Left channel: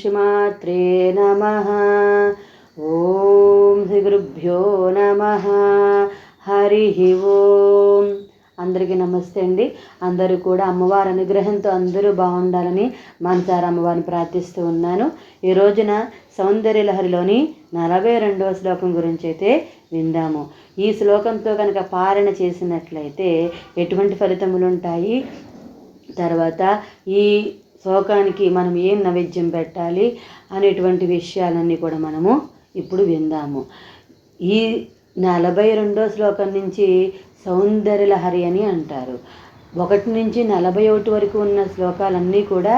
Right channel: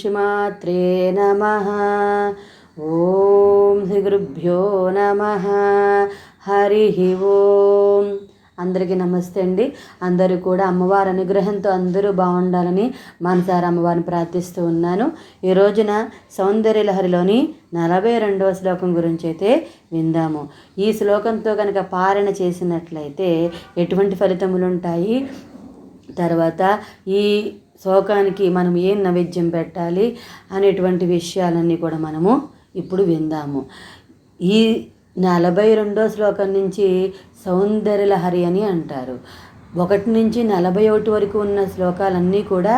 శ్రీమాత్రే నమ ఓం శ్రీ గురుభ్యో నమ. హరి ఓం. అందరికీ నమస్తే అండి. అందరూ కూడా అమ్మవారి అనుగ్రహంతో అందరూ బాగుండాలని మనసారి అమ్మవారిని ప్రార్థిస్తూ ఉన్నాను. ఈ రోజున సౌందర్య లహరిలోని నలభై రెండవ శ్లోకం గురించి అయితే విందాము. ఈ శ్లోకంతో కనుక పాలన చేసినట్లయితే ఎటువంటి ఫలితములు ఉంటాయి తర్వాత ఈ శ్లోకానికి మనం ఏం నైవేద్యం పెట్టాలి అనేటువంటి విషయాలన్నీ కూడా మనము ఇప్పుడు విందాము. ఈ నలభై రెండో శ్లోకం నుంచి సౌందర్యలహరి అని అంటారు. ఒకటి నుంచి నలభై ఒకటి వరకు ఉన్న శ్లోకాలన్నీ కూడా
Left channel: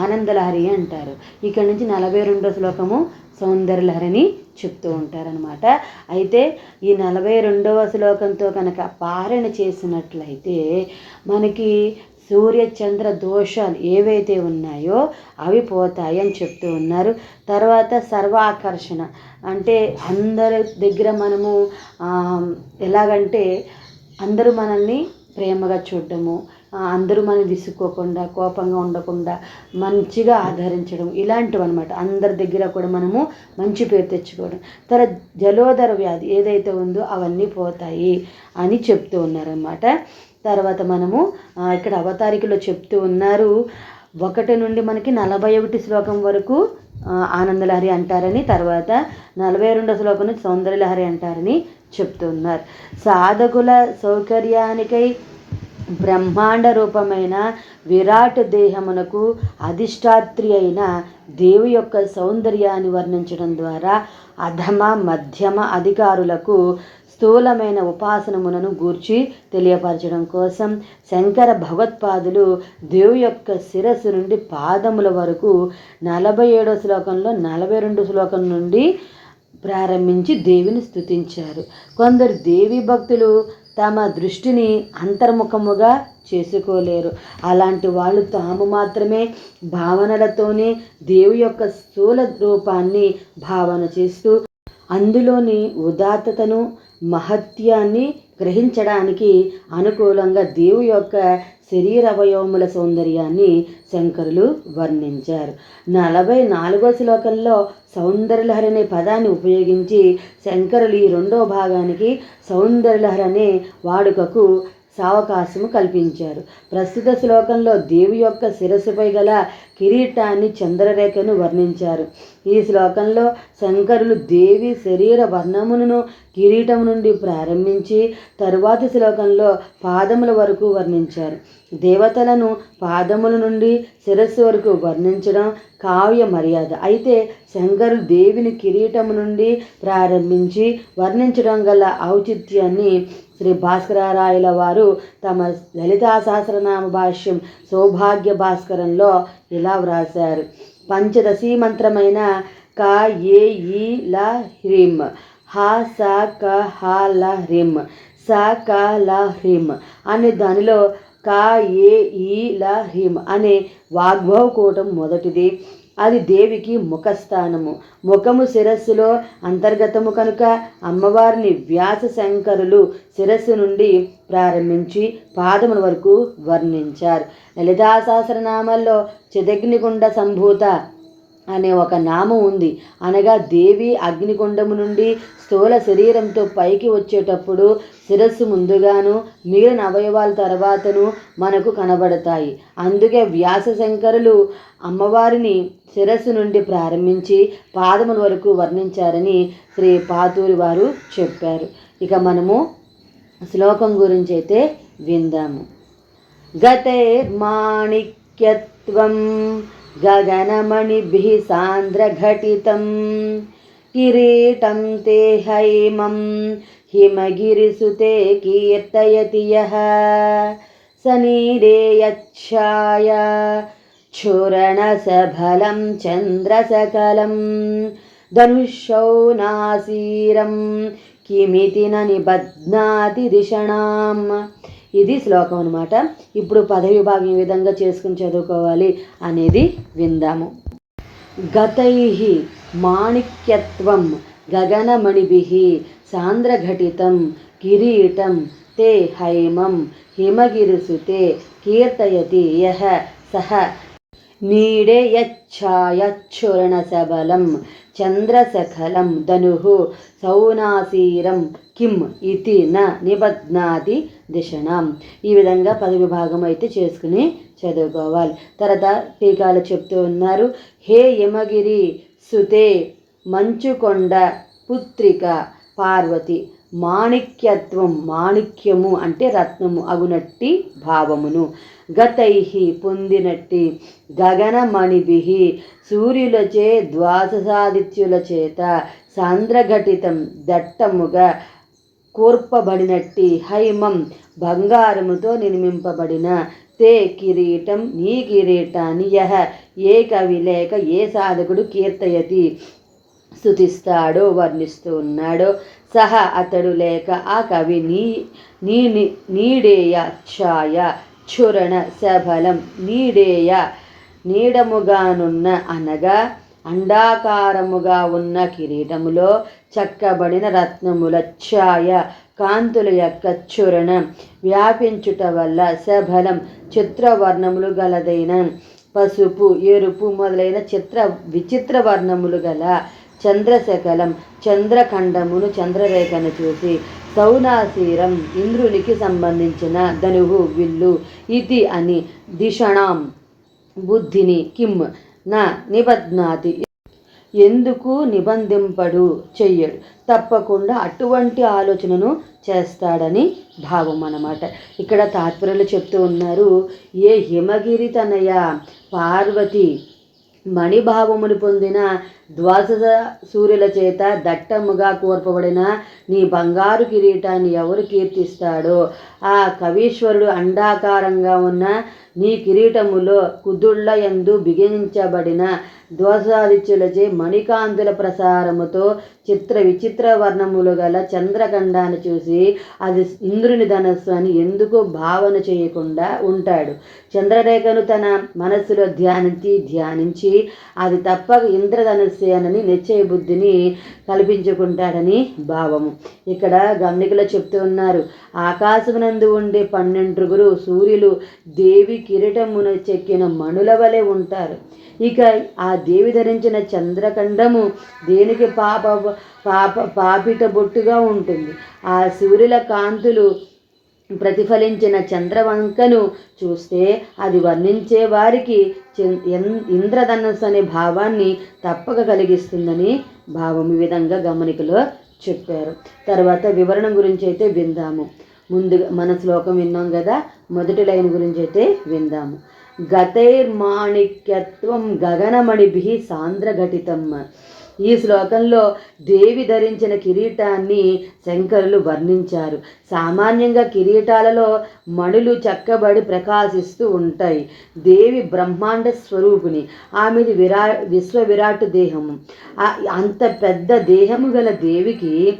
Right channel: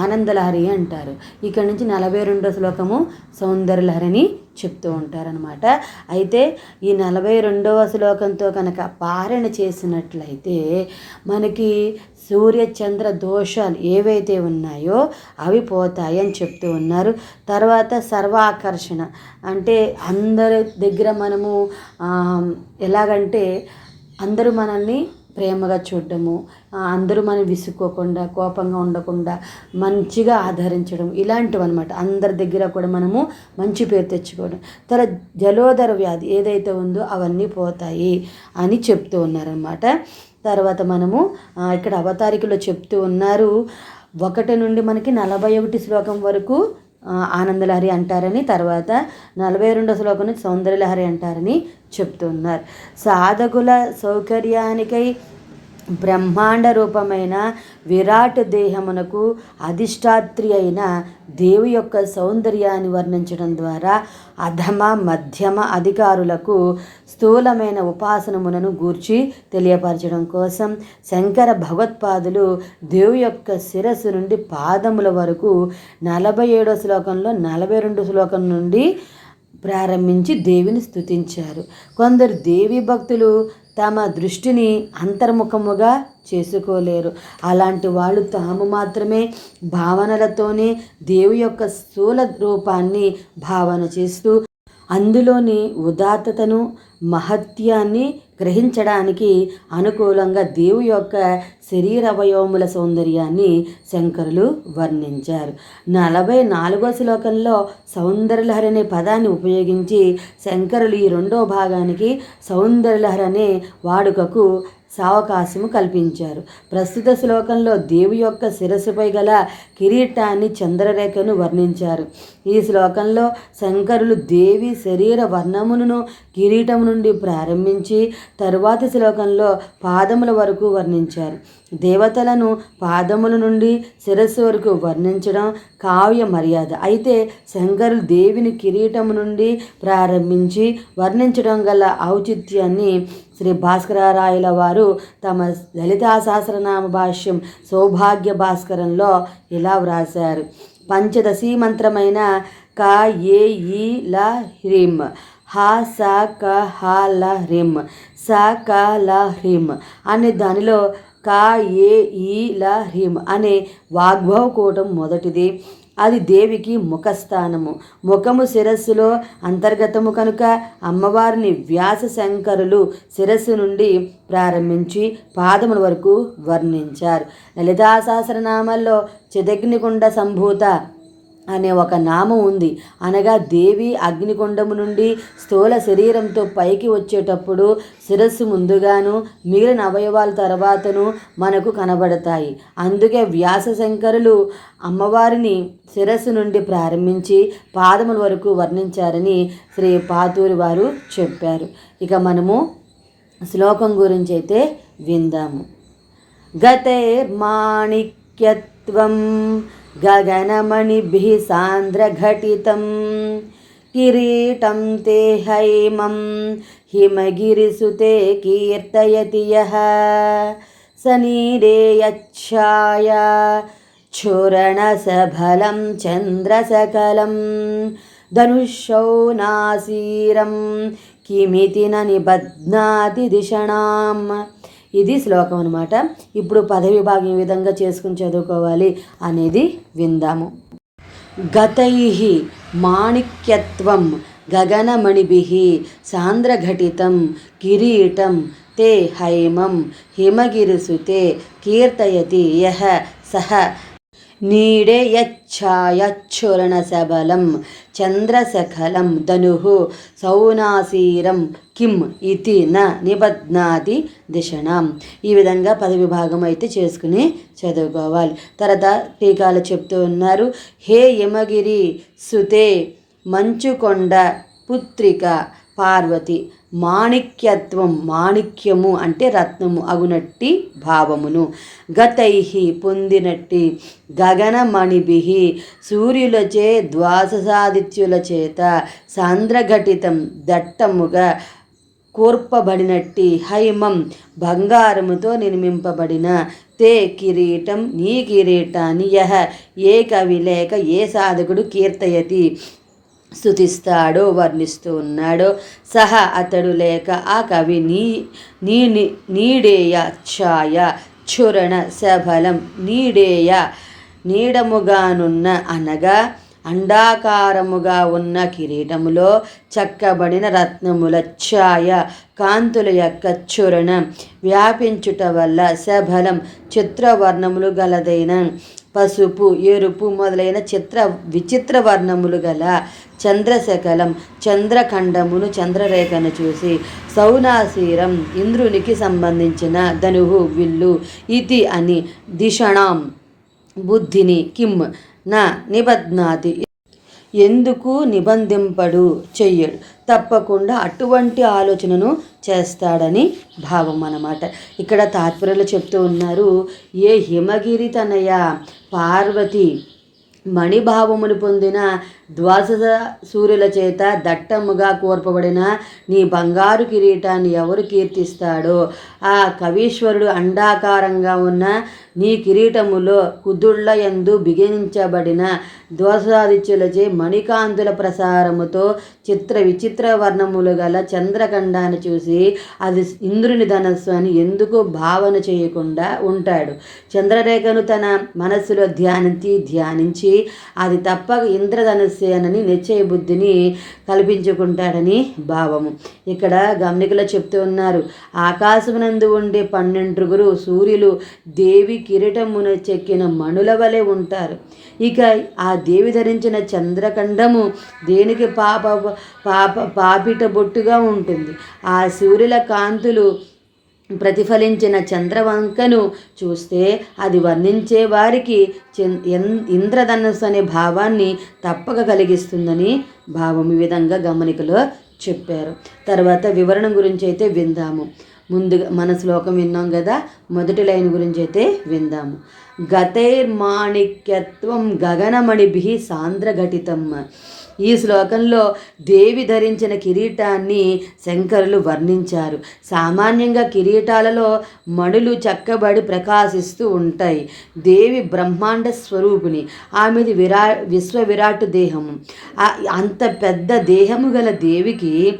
ఆనందలహరి అంటారు. ఇక్కడ నుంచి నలభై రెండో శ్లోకము సౌందర్యలహరి అని చెప్తూ ఉంటారనమాట అయితే ఈ నలభై రెండవ శ్లోకంతో కనుక పారణ చేసినట్లయితే మనకి సూర్య చంద్ర దోషాలు ఏవైతే ఉన్నాయో అవి పోతాయి అని చెప్తూ ఉన్నారు. తర్వాత సర్వాకర్షణ. అంటే అందరి దగ్గర మనము ఎలాగంటే అందరూ మనల్ని ప్రేమగా చూడడము అందరూ మనం విసుక్కోకుండా కోపంగా ఉండకుండా మంచిగా ఆదరించడం ఇలాంటివి అనమాట అందరి దగ్గర కూడా మనము మంచి పేరు తెచ్చుకోవడం. తర్వాత జలోదర వ్యాధి ఏదైతే ఉందో అవన్నీ పోతాయి అని చెప్తూ ఉన్నారనమాట తర్వాత మనము ఇక్కడ అవతారికలో చెప్తూ ఉన్నారు ఒకటి నుండి మనకి నలభై ఒకటి శ్లోకం వరకు ఆనందలహరి అంటారని తర్వాత నలభై రెండో శ్లోకం సౌందర్యలహరి అంటారని చెప్తున్నారు సాధకుల సౌకర్యానికై బ్రహ్మాండ రూపమైన విరాట్ దేహమునకు అధిష్టాత్రి అయిన దేవి యొక్క సౌందర్యాన్ని వర్ణించడం ద్వారా అధమ మధ్యమ అధికారులకు స్థూలమైన ఉపాసనములను గూర్చి తెలియపరచడం కోసం శంకర భగవత్పాదులు దేవు యొక్క శిరస్సు నుండి పాదముల వరకు నలభై ఏడో శ్లోకంలో నలభై రెండు శ్లోకం నుండి ప్రారంభించి దేవిని స్థుతించారు కొందరు దేవి భక్తులు తమ దృష్టిని అంతర్ముఖముగా చేసుకోలేరు. అలాంటి వాళ్ళు తాము మాత్రమే భావనలతోనే దేవు యొక్క స్థూల రూపాన్ని భావన చేస్తూ అందులోని ఉదాత్తతను మహత్యాన్ని గ్రహించడానికి అనుకూలంగా దేవు యొక్క శరీర అవయవముల సౌందర్యాన్ని శంకరులు వర్ణించారు. నలభై నాలుగో శ్లోకంలో సౌందర్యలహరి అనే పదాన్ని ఉపయోగించి శంకరులు ఈ రెండో భాగానికి సౌందర్యలహరి అనే వాడుకకు సావకాశము కల్పించారు. ప్రస్తుత శ్లోకంలో దేవి యొక్క శిరస్సుపై గల కిరీటాన్ని చంద్రరేఖను వర్ణించారు. ఈ శ్లోకంలో శంకరులు దేవి శరీర వర్ణమును కిరీటం నుండి ప్రారంభించి తరువాతి శ్లోకంలో పాదముల వరకు వర్ణించారు. దేవతలను పాదముల నుండి శిరస్సు వరకు వర్ణించడం కావ్య మర్యాద. అయితే శంకరు దేవిని కిరీటము నుండి ప్రారంభించి వర్ణించడం గల ఔచిత్యాన్ని శ్రీ భాస్కరారాయుల వారు తమ లలితా సహస్రనామ భాష్యం సౌభాగ్య భాస్కరంలో ఇలా వ్రాశారు. పంచదశీ మంత్రమైన క ఏ ఈ ల హ్రీం. హ స క హ ల హ్రీం. స క ల హ్రీం అనే దానిలో క ఏ ఈ ల హ్రీం అనే వాగ్భవ కూటం మొదటిది. అది దేవికి ముఖస్థానము. ముఖము శిరస్సులో అంతర్గతము కనుక అమ్మవారిని వ్యాస శంకరులు శిరస్సు నుండి ప్రారంభించి పాదముల వరకు వర్ణించారు. లలితా సహస్రనామాల్లో చిదగ్నికుండ సంభూత అనే ఒక నామం ఉంది. అనగా దేవి అగ్నికొండము నుండి స్థూల శరీరంతో పైకి వచ్చేటప్పుడు శిరస్సు ముందుగాను మిగిలిన అవయవాల తర్వాతను మనకు కనబడతాయి. అందుకే వ్యాస శంకరులు అమ్మవారిని శిరస్సు నుండి ప్రారంభించి పాదముల వరకు వర్ణించారని శ్రీ పాతూరి వారు చెప్పారు. ఇక మనము శ్లోకం గురించి అయితే విందాము. గతైర్మాణిక్యత్వం गगनमणिभिः सान्द्रघटितं किरीटं ते हैमं हिमगिरिसुते कीर्तयति यः। सनीरे यच्छाया क्षुरणसफलं चन्द्रसकलं धनुषौ नासीरं किमिति न निबध्नाति धिषणाम् ఇది శ్లోకం అనమాట ఇప్పుడు పదవి భాగం ఏ విధంగా చేసుకుని చదువుకోవాలి అనేది విందాము. గతై మాణిక్యత్వం గగనమణిభి సాంద్రఘటితం కిరీటం తే హైమం హిమగిరిసుతే కీర్తయతి యహ సహ నీడే యచ్ఛాయచ్చురణ సబలం చంద్రసఖలం ధను సౌనాసీరం కిమ్ ఇతి న నిబధ్నాతి దిశణం. ఈ విధంగా పద విభాగం అయితే చేసుకుని చదువుకోవాలి. తర్వాత టీకాలు చెప్తూ ఉన్నారు. హే యమగిరి సుతే మంచుకొండ పుత్రిక పార్వతి మాణిక్యత్వం మాణిక్యము అంటే రత్నము అగునట్టి భావమును. గతై పొందినట్టి గగనమణిభి సూర్యులచే ద్వాససాదిత్యుల చేత సాంద్రఘటితం దట్టముగా కూర్పబడినట్టి హైమం బంగారముతో నిర్మింపబడిన తే కిరీటం నీ కిరీటాన్ని యహ. ఏ కవి లేక ఏ సాధకుడు కీర్తయతి? స్థుతిస్తాడో వర్ణిస్తూ ఉన్నాడో సహ అతడు లేక ఆ కవి నీ నీ నీడేయ ఛాయ చురణ సఫలం నీడేయ నీడముగానున్న అనగా అండాకారముగా ఉన్న కిరీటములో చక్కబడిన రత్నముల ఛాయ కాంతుల యొక్క చురణం వ్యాపించుట వల్ల సబలం చిత్రవర్ణములు గలదైన పసుపు ఎరుపు మొదలైన చిత్ర విచిత్ర వర్ణములు గల చంద్రశకలం చంద్రఖండమును చంద్రరేఖను చూసి సౌనాశీరం ఇంద్రునికి సంబంధించిన ధనువు విల్లు ఇది అని దిషణాం బుద్ధిని కిమ్ నా నిబధ్నాతి ఎందుకు నిబంధింపడు? చెయ్యడు. తప్పకుండా అటువంటి ఆలోచనను చేస్తాడని భావం అన్నమాట. ఇక్కడ తాత్పర్యలు చెప్తూ ఉన్నారు. ఏ హిమగిరి తనయ పార్వతి మణిభావమును పొందిన ద్వాస సూర్యుల చేత దట్టముగా కోర్పబడిన నీ బంగారు కిరీటాన్ని ఎవరు కీర్తిస్తాడో? ఆ కవీశ్వరుడు అండాకారంగా ఉన్న నీ కిరీటములో కుదుళ్ళ ఎందు బిగించబడిన దోషాదిత్యులచే మణికాంతుల ప్రసారముతో చిత్ర విచిత్ర వర్ణములు గల చంద్రఖండాన్ని చూసి అది ఇంద్రుని ధనస్సు అని ఎందుకు భావన చేయకుండా ఉంటాడు? చంద్రరేఖను తన మనస్సులో ధ్యానించి ధ్యానించి అది తప్పక సేనని నిశ్చయ బుద్ధిని కల్పించుకుంటాడని భావము. ఇక్కడ గమనికలో చెప్తూ ఉన్నారు ఆకాశమునందు ఉండే పన్నెండుగురు సూర్యులు దేవి కిరీటమున చెక్కిన మణుల వలె ఉంటారు. ఇక ఆ దేవి ధరించిన చంద్రఖండము దేనికి పాప పాప పాపిట బొట్టుగా ఉంటుంది. ఆ సూర్యుల కాంతులు ప్రతిఫలించిన చంద్రవంకను చూస్తే అది వర్ణించే వారికి ఇంద్రధనుస్సు అనే భావాన్ని తప్పక కలిగిస్తుందని భావం ఈ విధంగా గమనికలో చెప్పారు. తర్వాత వివరణ గురించి అయితే విందాము. ముందుగా మన శ్లోకం విన్నాం కదా మొదటి లైన్ గురించి అయితే విందాము. గతైర్మాణిక్యత్వం గగనమణిభి సాంద్రఘటితం ఈ శ్లోకంలో దేవి ధరించిన కిరీటాన్ని శంకరులు వర్ణించారు. సామాన్యంగా కిరీటాలలో మణులు చక్కబడి ప్రకాశిస్తూ ఉంటాయి. దేవి బ్రహ్మాండ స్వరూపిణి ఆమెది విరా విశ్వ విరాట్ దేహము అంత పెద్ద దేహము గల దేవికి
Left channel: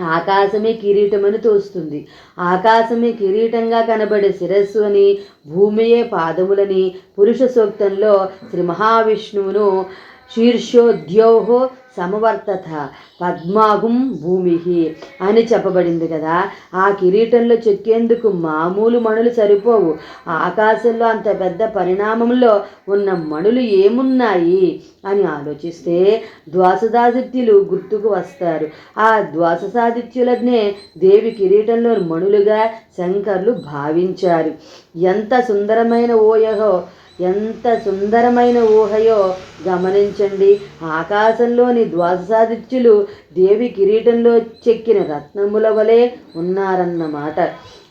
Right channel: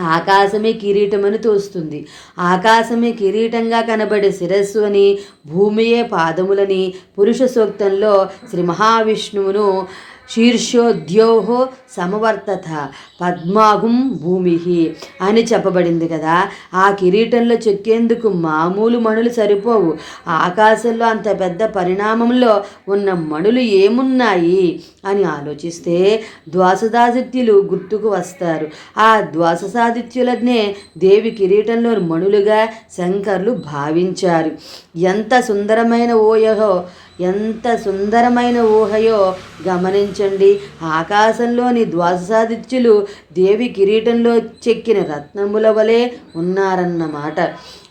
ఆకాశమే కిరీటమని తోస్తుంది. ఆకాశమే కిరీటంగా కనబడే శిరస్సు అని భూమియే పాదములని పురుష సూక్తంలో శ్రీ మహావిష్ణువును శీర్షోద్యోహో సమవర్తత పద్మాగుం భూమి అని చెప్పబడింది కదా. ఆ కిరీటంలో చెక్కేందుకు మామూలు మణులు సరిపోవు. ఆకాశంలో అంత పెద్ద పరిణామంలో ఉన్న మణులు ఏమున్నాయి అని ఆలోచిస్తే ద్వాసదాదిత్యులు గుర్తుకు వస్తారు. ఆ ద్వాససాదిత్యులనే దేవి కిరీటంలో మణులుగా శంకర్లు భావించారు. ఎంత సుందరమైన ఓయహో ఎంత సుందరమైన ఊహయో గమనించండి. ఆకాశంలోని ద్వాదశాదిత్యులు దేవి కిరీటంలో చెక్కిన రత్నముల వలె ఉన్నారన్నమాట.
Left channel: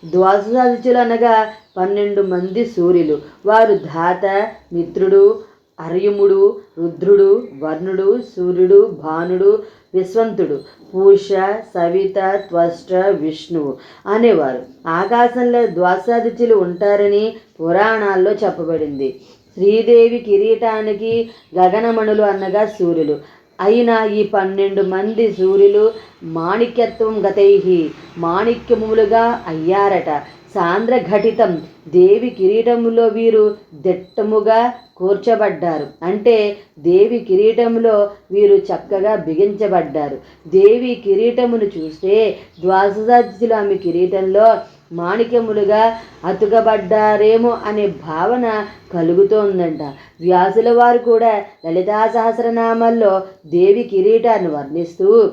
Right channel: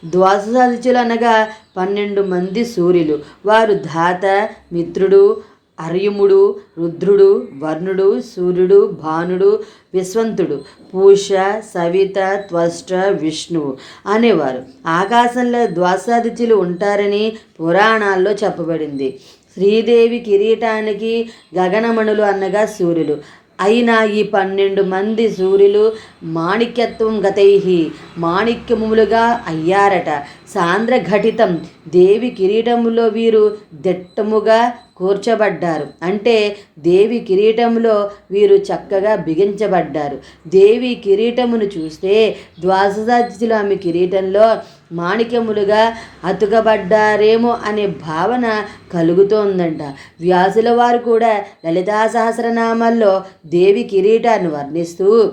ద్వాదశాదిత్యులు అనగా పన్నెండు మంది సూర్యులు. వారు ధాత మిత్రుడు అర్యుముడు రుద్రుడు వర్ణుడు సూర్యుడు భానుడు విశ్వంతుడు పూష సవిత త్వష్ట విష్ణువు అనేవారు. ఆకాశంలో ద్వాసాదిత్యులు ఉంటారని పురాణాల్లో చెప్పబడింది. శ్రీదేవి కిరీటానికి గగనమణులు అనగా సూర్యులు. అయినా ఈ పన్నెండు మంది సూర్యులు మాణిక్యత్వం గతైహి మాణిక్యములుగా అయ్యారట. సాంద్రఘటితం దేవి కిరీటములో వీరు దిట్టముగా కూర్చబడ్డారు. అంటే దేవి కిరీటంలో వీరు చక్కగా బిగించబడ్డారు. దేవి కిరీటమును చూస్తే ద్వాసదాజితులు ఆమె కిరీటంలో మాణిక్యములుగా అతుకబడ్డారేమో అనే భావన కలుగుతోందంట. వ్యాసుల వారు కూడా లలితా సహస్రనామాల్లో దేవి కిరీటాన్ని వర్ణిస్తూ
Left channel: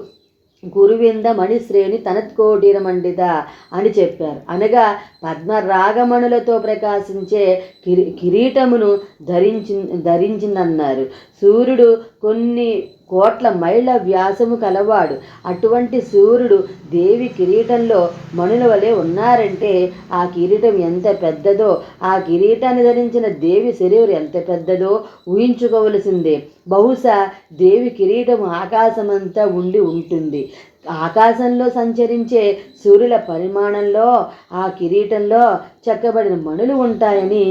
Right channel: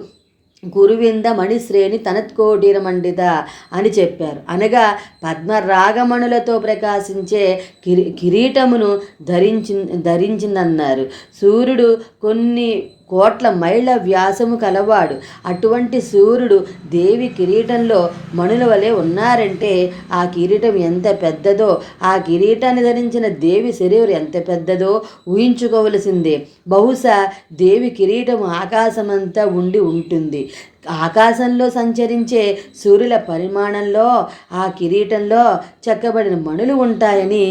గురువింద మణిశ్రేణి తనత్కోటిరమండిత అని చెప్పారు. అనగా పద్మరాగమణులతో ప్రకాశించే కిరీ కిరీటమును ధరించి ధరించిందన్నారు. సూర్యుడు కొన్ని కోట్ల మైళ్ళ వ్యాసము కలవాడు. అటువంటి సూర్యుడు దేవి కిరీటంలో మణుల వలె ఉన్నారంటే ఆ కిరీటం ఎంత పెద్దదో ఆ కిరీటాన్ని ధరించిన దేవి శరీరం ఎంత పెద్దదో ఊహించుకోవలసిందే. బహుశా దేవి కిరీటం ఆకాశమంతా ఉండి ఉంటుంది. ఆకాశంలో సంచరించే సూర్యుల పరిమాణంలో ఆ కిరీటంలో చెక్కబడిన మణులు ఉంటాయని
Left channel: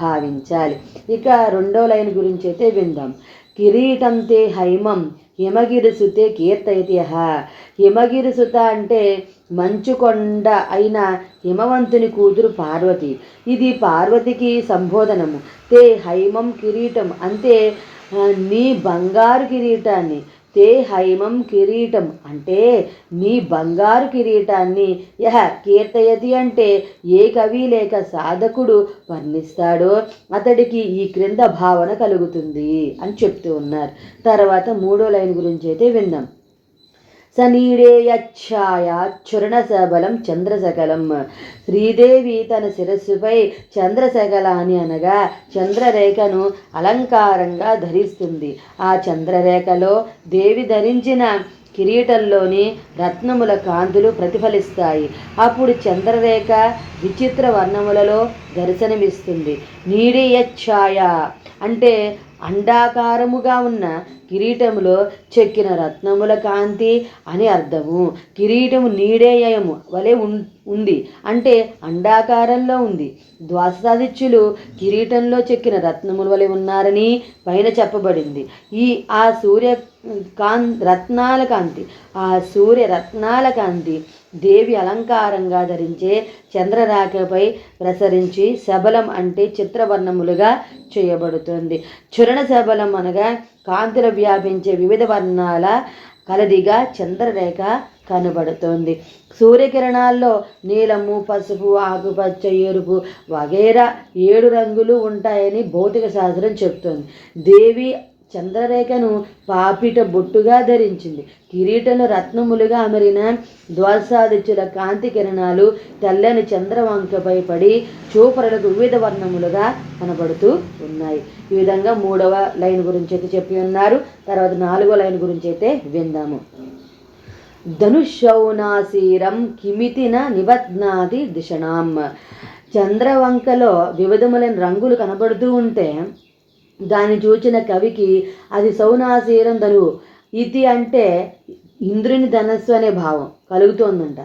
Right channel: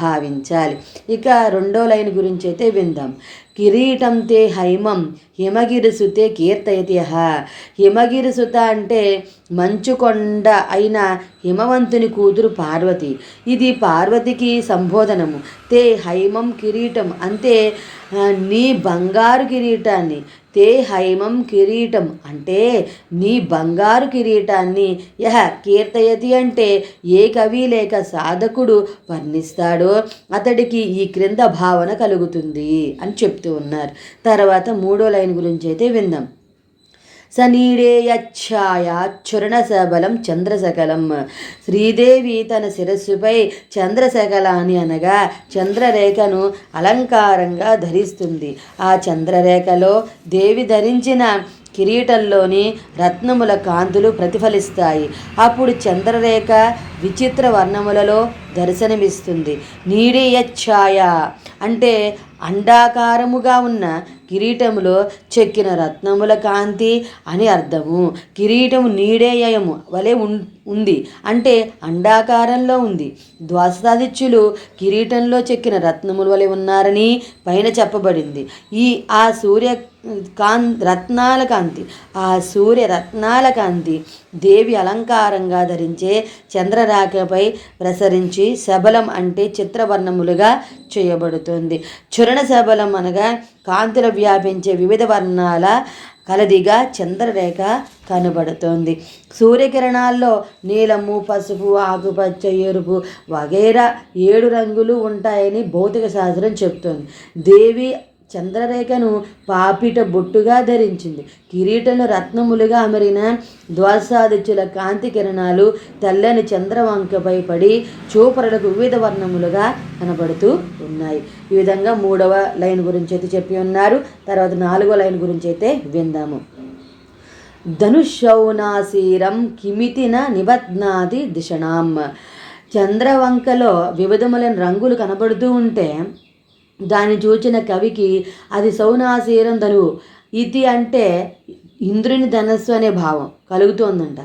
భావించాలి. ఇక రెండో లైన్ గురించి అయితే విందాం. కిరీటం తే హైమం హిమగిరిసుతే కీర్తయతి హిమగిరిసుత అంటే మంచుకొండ అయిన హిమవంతుని కూతురు పార్వతి. ఇది పార్వతికి సంబోధనము. తే హైమం కిరీటం అంతే నీ బంగారు కిరీటాన్ని తే హైమం కిరీటం. అంటే నీ బంగారు కిరీటాన్ని యహ కీర్తయతి అంటే ఏ కవి లేక సాధకుడు వర్ణిస్తాడో అతడికి ఈ క్రింద భావన కలుగుతుంది అని చెప్తూ ఉన్నారు. తర్వాత మూడో లైన్ గురించి అయితే విందాం. సనీడేయఛాయ చురణసబలం చంద్రసకలం. శ్రీదేవి తన శిరస్సుపై చంద్రశకలాన్ని అనగా చంద్రరేఖను అలంకారంగా ధరిస్తుంది. ఆ చంద్రరేఖలో దేవి ధరించిన కిరీటంలోని రత్నముల కాంతులు ప్రతిఫలిస్తాయి. అప్పుడు చంద్రరేఖ విచిత్ర వర్ణములలో దర్శనమిస్తుంది. నీడియ ఛాయ అంటే అండాకారముగా ఉన్న కిరీటములో చెక్కిన రత్నముల కాంతి అని అర్థము. కిరీటము నీడేయము వలె ఉంది. అంటే అండాకారంలో ఉంది. ద్వాసాదిత్యులు కిరీటంలో చెక్కిన రత్నముల వలె ఉన్నారని పైన చెప్పబడింది. ఈ ఆ సూర్య కాన్ రత్నాల కాంతి ఆ సూర్య రత్నాల కాంతి దేవి అలంకారంగా ధరించే చంద్రరాఖపై ప్రసరించి శబలం అంటే చిత్రవర్ణములుగా చేయబడుతుంది. చురణ శబలం అనగా కాంతులు వ్యాపించే వివిధ వర్ణాల కలదిగా చంద్రరేఖ కనబడుతోంది. సూర్యకిరణాల్లో నీలము పసుపు ఆకుపచ్చ ఎరుపు వగైరా ఏడు రంగులు ఉంటాయని భౌతిక శాస్త్రం చెప్తోంది. దేవి చంద్రరేఖను పాపిట బొట్టుగా ధరించింది. కిరీటంలో రత్నములుగా అమరిన ద్వాసాదిత్యుల కాంతి కిరణాలు తెల్లని చంద్రవంకపై పడి చూపరులకు వివిధ వర్ణములుగా కనబడుతూ ఉన్నాయి. ఈ విధంగా మూడవ లైన్ గురించి అయితే చెప్పి ఉన్నారు. తర్వాత నాలుగో లైన్ గురించి అయితే విందాము. ధనుషౌనాశీరం కిమితిన నిబధ్నాది దిశణాం. చంద్రవంకలో వివిధములైన రంగులు కనబడుతూ ఉంటే దాన్ని చూచిన కవికి అది సౌనాశీరం ధనువు ఇది అంటే ఇంద్రుని ధనస్సు అనే భావం. కలుగుతోందంట.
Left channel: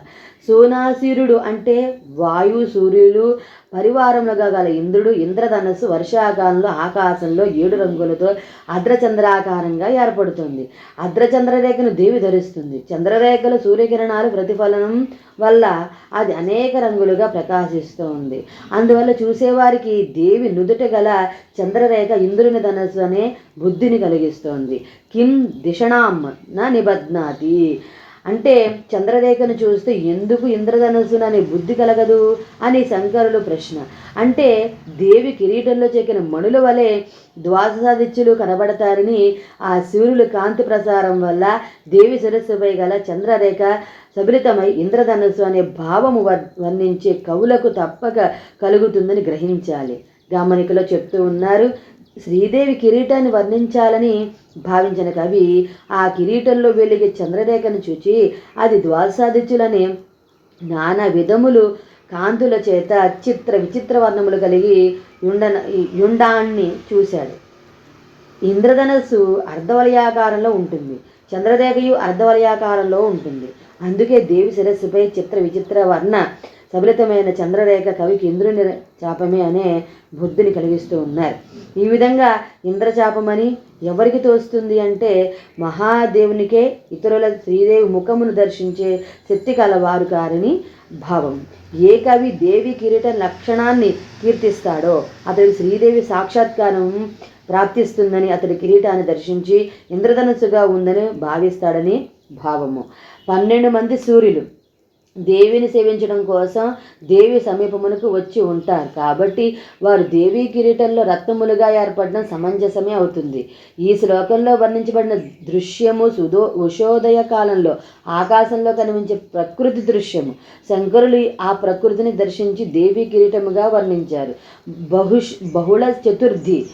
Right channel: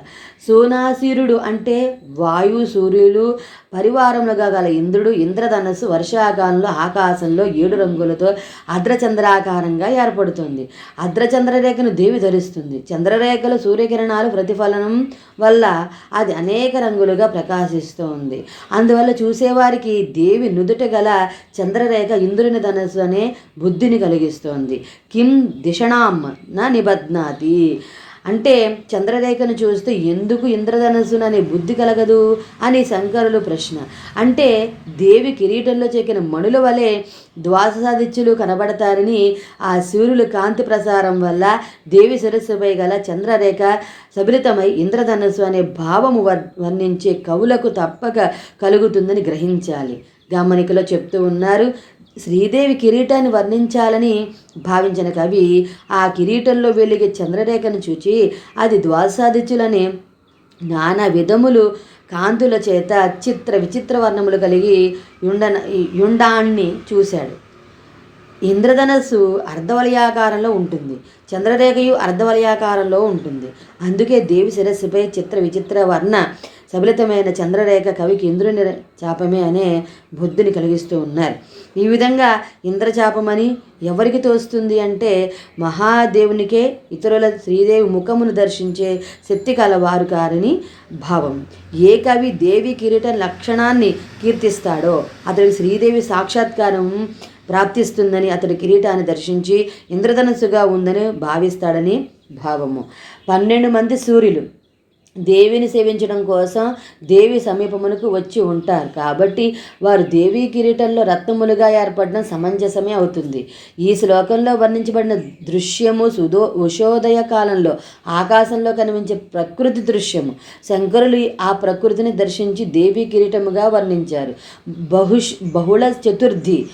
సోనాశీరుడు అంటే వాయు సూర్యులు పరివారముగా గల ఇంద్రుడు ఇంద్రధనస్సు వర్షాకాలంలో ఆకాశంలో ఏడు రంగులతో అద్రచంద్రాకారంగా ఏర్పడుతుంది. అద్రచంద్రరేఖను దేవి ధరిస్తుంది. చంద్రరేఖలు సూర్యకిరణాలు ప్రతిఫలనం వల్ల అది అనేక రంగులుగా ప్రకాశిస్తోంది. అందువల్ల చూసేవారికి దేవి నుదుట గల చంద్రరేఖ ఇంద్రుని ధనస్సు అనే బుద్ధిని కలిగిస్తోంది. కిం దిషణాం నా నిబధ్నాతి. అంటే చంద్రరేఖను చూస్తే ఎందుకు ఇంద్రధనస్సును అనే బుద్ధి కలగదు అని శంకరులు ప్రశ్న. అంటే దేవి కిరీటంలో చెక్కిన మణుల వలె ద్వాసాదిత్యులు కనబడతారని ఆ సూర్యులు కాంతి ప్రసారం వల్ల దేవి సరస్సుపై గల చంద్రరేఖ సబిలితమై ఇంద్రధనస్సు అనే భావము వర్ణించే కవులకు తప్పక కలుగుతుందని గ్రహించాలి. గమనికలో చెప్తూ ఉన్నారు శ్రీదేవి కిరీటాన్ని వర్ణించాలని భావించిన కవి ఆ కిరీటంలో వెలిగే చంద్రరేఖను చూచి అది ద్వాసాదిత్యులని నానా విధములు కాంతుల చేత చిత్ర విచిత్ర వర్ణములు కలిగి యుండ యుండాన్ని చూశాడు. ఇంద్రధనస్సు అర్ధవలయాకారంలో ఉంటుంది. చంద్రరేఖయు అర్ధవలయాకారంలో ఉంటుంది. అందుకే దేవి శిరస్సుపై చిత్ర విచిత్ర వర్ణ సబలితమైన చంద్రరేఖ కవికి ఇంద్రుని చాపమే అనే బుద్ధిని కలిగిస్తూ ఉన్నారు. ఈ విధంగా ఇంద్రచాపమని ఎవరికి తోస్తుంది అంటే మహాదేవునికే ఇతరుల శ్రీదేవి ముఖమును దర్శించే శక్తి కలవారు కారని భావం. ఏ కవి దేవి కిరీట లక్షణాన్ని కీర్తిస్తాడో అతడి శ్రీదేవి సాక్షాత్కారం ప్రాప్తిస్తుందని అతడి కిరీటాన్ని దర్శించి ఇంద్రధనస్సుగా ఉందని భావిస్తాడని భావము. పన్నెండు మంది సూర్యులు దేవిని సేవించడం కోసం దేవి సమీపమునకు వచ్చి ఉంటారు. కాబట్టి వారు దేవీ కిరీటంలో రత్నములుగా ఏర్పడడం సమంజసమే అవుతుంది. ఈ శ్లోకంలో వర్ణించబడిన దృశ్యము సుదో ఉషోదయ కాలంలో ఆకాశంలో కనిపించే ప్రకృతి దృశ్యము. శంకరులు ఆ ప్రకృతిని దర్శించి దేవీ కిరీటముగా వర్ణించారు. బహుష్ బహుళ చతుర్థి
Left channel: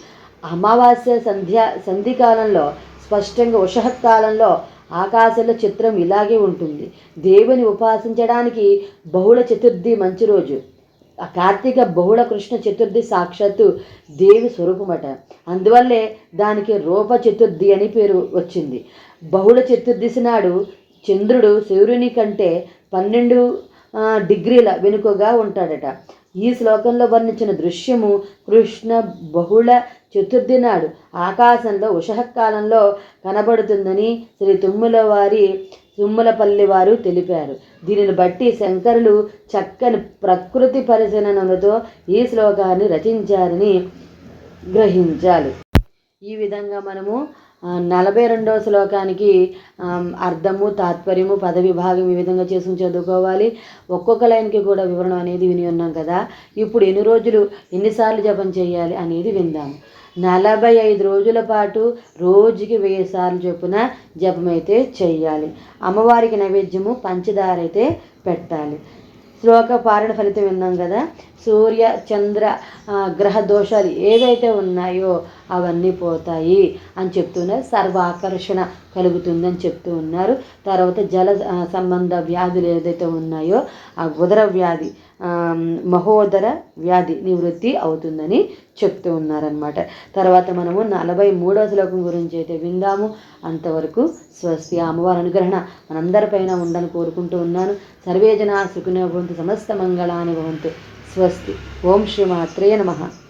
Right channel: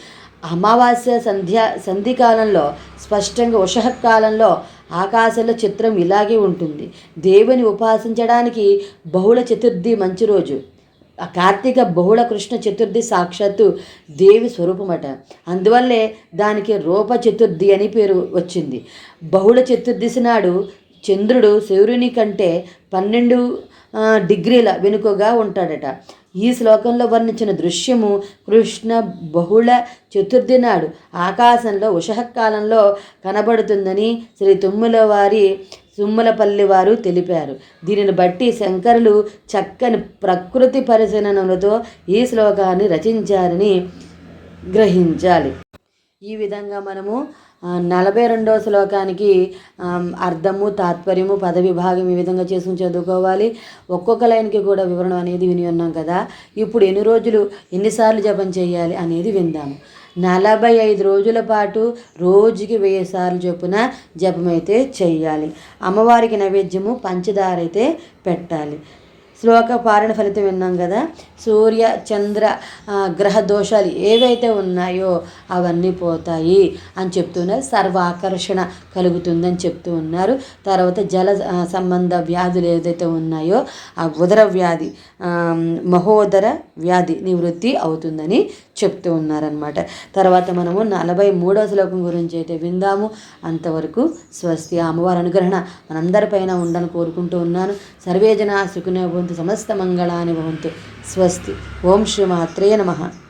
అమావాస్య సంధ్యా సంధి కాలంలో స్పష్టంగా ఉషః కాలంలో ఆకాశంలో చిత్రం ఇలాగే ఉంటుంది. దేవుని ఉపాసించడానికి బహుళ చతుర్థి మంచి రోజు. ఆ కార్తీక బహుళ కృష్ణ చతుర్థి సాక్షాత్తు దేవి స్వరూపమట. అందువల్లే దానికి రూప చతుర్థి అని పేరు వచ్చింది. బహుళ చతుర్దశి నాడు చంద్రుడు సూర్యుని కంటే పన్నెండు డిగ్రీల వెనుకగా ఉంటాడట. ఈ శ్లోకంలో వర్ణించిన దృశ్యము కృష్ణ బహుళ చతుర్థి నాడు. ఆకాశంలో ఉషహకాలంలో కనబడుతుందని శ్రీ తుమ్ముల వారి తుమ్మలపల్లి వారు తెలిపారు. దీనిని బట్టి శంకరులు చక్కని ప్రకృతి పరిశీలనలతో ఈ శ్లోకాన్ని రచించారని గ్రహించాలి. ఈ విధంగా మనము నలభై రెండవ శ్లోకానికి అర్థము తాత్పర్యము పద విభాగం ఈ విధంగా చేసుకుని చదువుకోవాలి. ఒక్కొక్క లైన్కి కూడా వివరణ అనేది విని ఉన్నాం కదా. ఇప్పుడు ఎన్ని రోజులు ఎన్నిసార్లు జపం చేయాలి అనేది విందాము నలభై ఐదు రోజుల పాటు రోజుకి వెయ్యి సార్లు చొప్పున జపం అయితే అమ్మవారికి నైవేద్యము పంచదార అయితే పెట్టాలి. శ్లోక పారణ ఫలితం విన్నాం కదా. సూర్య చంద్ర గ్రహ దోషాలు ఏవైతే ఉన్నాయో అవన్నీ పోతాయి అని చెప్తున్నారు. సర్వాకర్షణ కలుగుతుందని చెప్తూ ఉన్నారు. తర్వాత జల సంబంధ వ్యాధులు ఏదైతే ఉన్నాయో ఆ ఉదర వ్యాధి మహోదర వ్యాధి నివృత్తి అవుతుందని చెప్తూ ఉన్నారనమాట తర్వాత మనము నలభై మూడవ శ్లోకం గురించి అయితే విందాము. అంతవరకు స్వస్తి ఆ అమ్మవారి అనుగ్రహణ మనందరిపైన ఉండాలని కోరుకుంటూ ఉన్నాను. సర్వే జన సుఖినో భవంతు సమస్త మంగళాని భవంతు. స్వస్తి. ఓం శ్రీ మాత్రే నమః.